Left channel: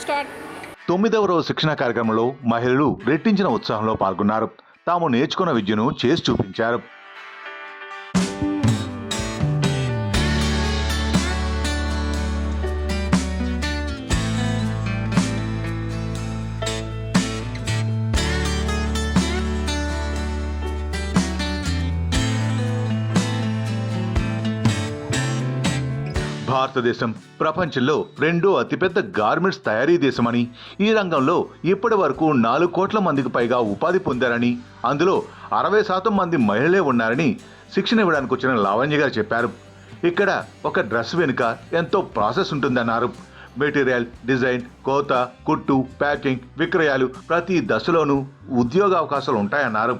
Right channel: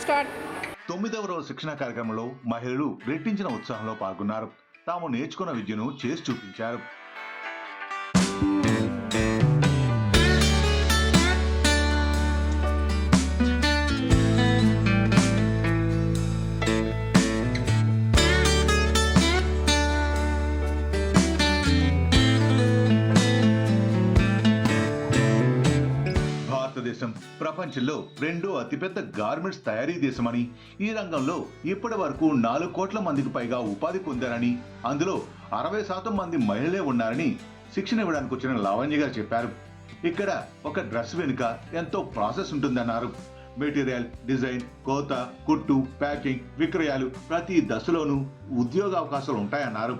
Start. తొమ్మిదవ రోజు శిక్షణ కార్యక్రమంలో మహిళలు రెట్టించిన ఉత్సాహంలో పాల్గొన్నారు. తాము నేర్చుకున్న విద్యను చేసి చూపించారు. భారతదేశం ప్రపంచంలో రెండో అతిపెద్ద గార్మెంట్స్ తయారీ దేశమని ఈ రంగంలో ఇప్పటి వరకు నాలుగు కోట్ల మందికి పైగా ఉపాధి పొందారని అందులో అరవై శాతం మంది మహిళలే ఉన్నారని శిక్షణ ఇవ్వడానికి వచ్చిన లావణ్య గారు చెప్పారు. ఇక్కడ ఒక డ్రెస్ వెనుక ఎంతో ప్రాసెస్ ఉంటుందన్నారు. మెటీరియల్ డిజైన్ కోత కుట్టు ప్యాకింగ్ విక్రయాలు ప్రతి దశలోనూ ఉద్యోగ అవకాశాలు ఉంటాయన్నారు.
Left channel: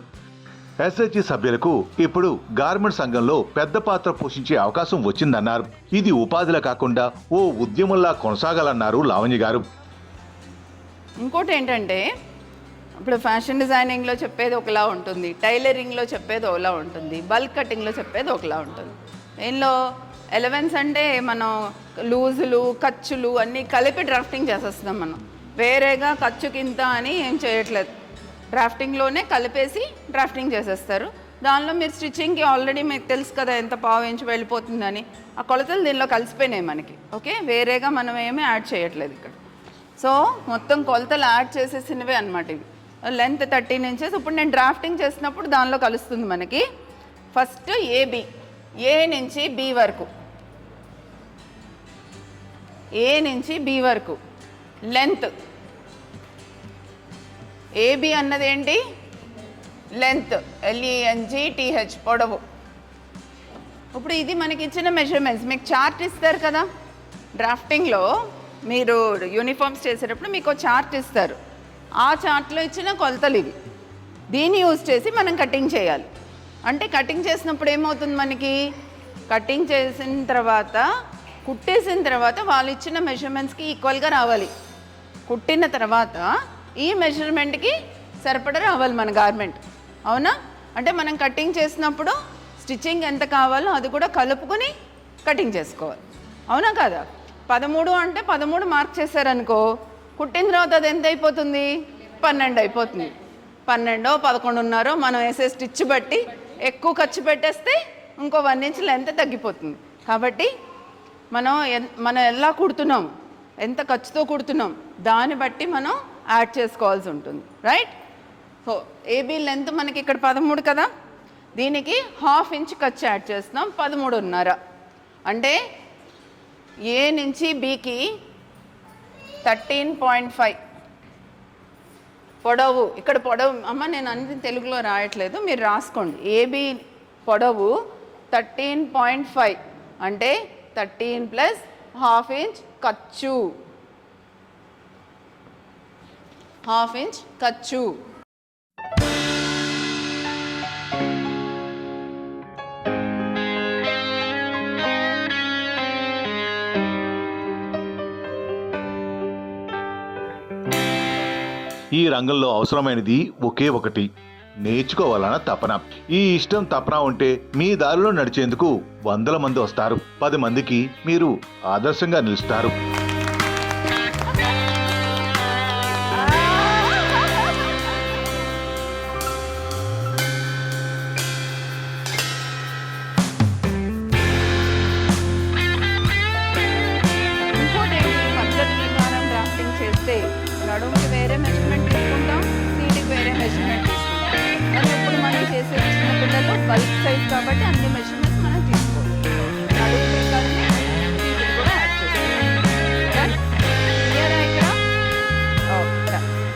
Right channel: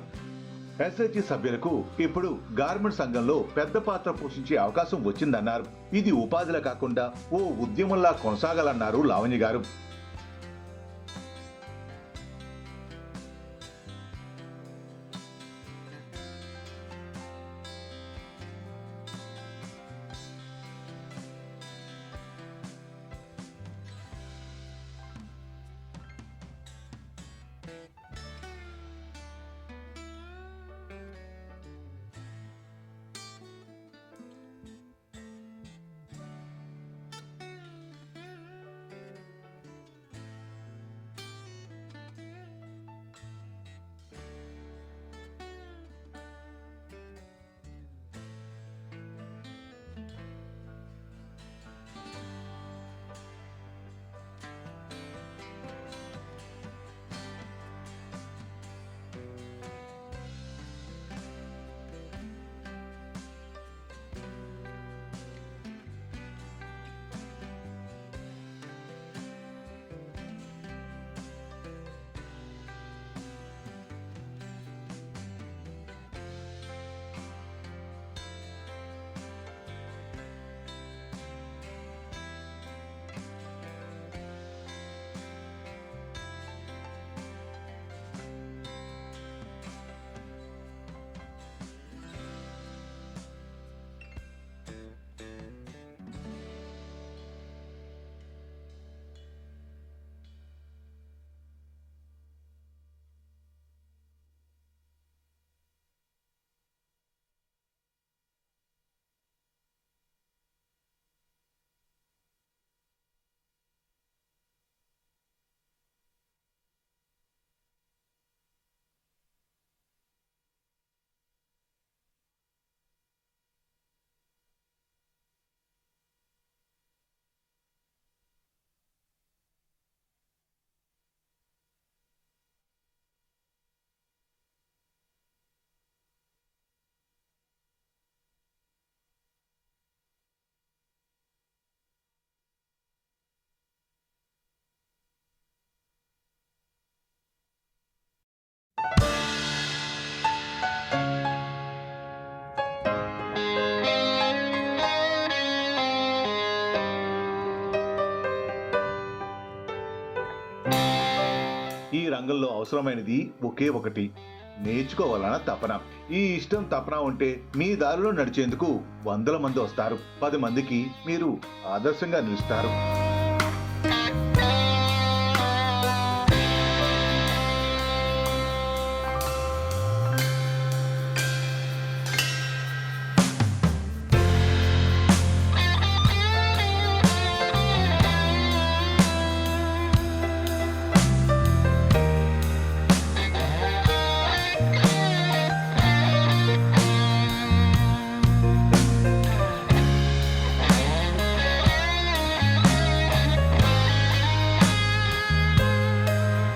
ఎస్హెచ్జి సభ్యులకు ఇప్పుడు గార్మెంట్ సంఘంలో పెద్ద పాత్ర పోషించే అవకాశం వచ్చిందన్నారు. ఇది ఉపాధిలా కాకుండా ఓ ఉద్యమంలా కొనసాగాలన్నారు లావణ్య గారు. ఇంకోటి ఏంటంటే ఇప్పుడు ఫ్యాషన్ డిజైనింగ్లో చెప్పేది ఒకలా ఉంటుంది టైలరింగ్లో చెప్పేది ఒకలా ఉంటుంది బల్క్ కటింగ్లో చెప్పేది ఒకలా ఉంటుంది. దీనిలో ఎలవెన్స్ అంటే మనం లూజులు ఖర్చులు అన్నీ కలిపి డ్రాఫ్టింగ్ చేసేస్తున్నాం మనం. వేరేగా ఖర్చుకింత అని ఏం చేయట్లేదు. డ్రాఫ్టింగ్లోనే కలిపేసి డ్రాఫ్టింగ్ చేసేస్తారు. దానిలో మీరు స్టిచ్చింగ్కి ఆల్రెడీ మీకు తెలుసు కదా ఎంత పావు ఇంచు వెళ్ళిపోతుందని. ఆ కొలతలు దీనిలో కలిసిపోయినాయి మనకి. ఓకే? వేరేగా మనం ఏమీ యాడ్ చేయట్లేదు ఇక్కడ. సో మొత్తం కొలతలు యాడ్ చేసేసినవే అనమాట ఇవి. లెంత్ థర్టీన్ ఇంచెస్ ఇప్పుడు నేను డ్రాఫ్టింగ్ చేసినప్పుడు దానిలో కలుస్తుంది మనకి. ఫస్ట్ ఏబి ఏ నుంచి బి వరకు. ఏ నుంచి బి వరకు. లెంత్ ఏబి అన్నది ఏంటి లెంత్ ఎల్ఈఎన్జి టీహెచ్ పొడవు. ఇప్పుడు ఇది మనకి ఇచ్చిన మెజర్మెంట్స్ మీకు చార్ట్ ఇస్తారు కదా? డ్రాఫ్టింగ్లో మీరు యూనిఫామ్స్ చేసేటప్పుడు మీకు చార్ట్ ఇస్తారు. ఆ చార్ట్లో ఇచ్చిన కొలతలు ఇవి. దీన్ని యూజ్ చేసి మనం కటింగ్ చేయాలి. అంటే కటింగ్ చేసినప్పుడు ఏమవుతుంది మనకి? కటింగ్ చేసిన తర్వాత కుట్టేసిన తర్వాత వాళ్ళు ఇచ్చిన మెజర్మెంట్స్కి ఈక్వల్గా రావాలి. కుట్టిన తర్వాత ఈ మెజర్మెంట్కి సరిపడ రావాలి మన గార్మెంట్ అవునా? అంటే మనం కటింగ్ చేసినప్పుడు స్టిచ్చింగ్ ఎంత కావాలో అది కూడా కలుపుకొని కటింగ్ చేసుకోవాలి. అవునా కదా? పదమూడు అంటే పదమూడు మార్క్ చేశారనుకో కుట్టిన తర్వాత అది ఎంత అయిపోతుంది? పన్నెండు అయిపోతుంది. పన్నెండో పదకొండున్నరో మనం వేసే స్టిచ్ బట్టి ఎక్కువ ఖర్చు పెట్టేస్తే ఇంకో వన్ ఇంచ్ లెంత్ తగ్గిపోతుంది. కాబట్టి మనం ఎన్- మనం ఎలా కుడుతున్నాం? ఎంత ఖర్చుతో కుడుతున్నాం? దాన్ని బట్టి మనం యాడ్ చేసుకోవాల్సి ఉంటుంది రైట్ సో ఏబీ లెంత్ మనకి ఇక్కడ పదమూడు కదా? దీనికి హాఫ్ ఇంచ్ ఖర్చు యాడ్ చేస్తున్నాం పదమూడున్నర. అంటే ఏ నుంచి బీకి థర్టీన్ పాయింట్ ఫైవ్ పొడవు ఇక్కడ పొడవు అమ్మ నేను అన్ని తెలుగులో రాయట్లేదు మీరు రాసుకోండి. ఏబీ పొడవు థర్టీన్ పాయింట్ ఫైవ్ అంటే థర్టీన్ ప్లస్ హాఫ్ ఇంచ్ ఖర్చు హాఫ్ ఇంచ్ ఖర్చు. ఈ రంగంలో అవసరమైనది ఒకే ఒకటి. నేర్చుకోవాలన్న తపన. ఈ ఇష్టం తపన ఉంటే మీ దారిలో నడిచేందుకు వందల మంది వస్తారు. పది మందికి మీరు ఆదర్శంగా నిలుస్తారు.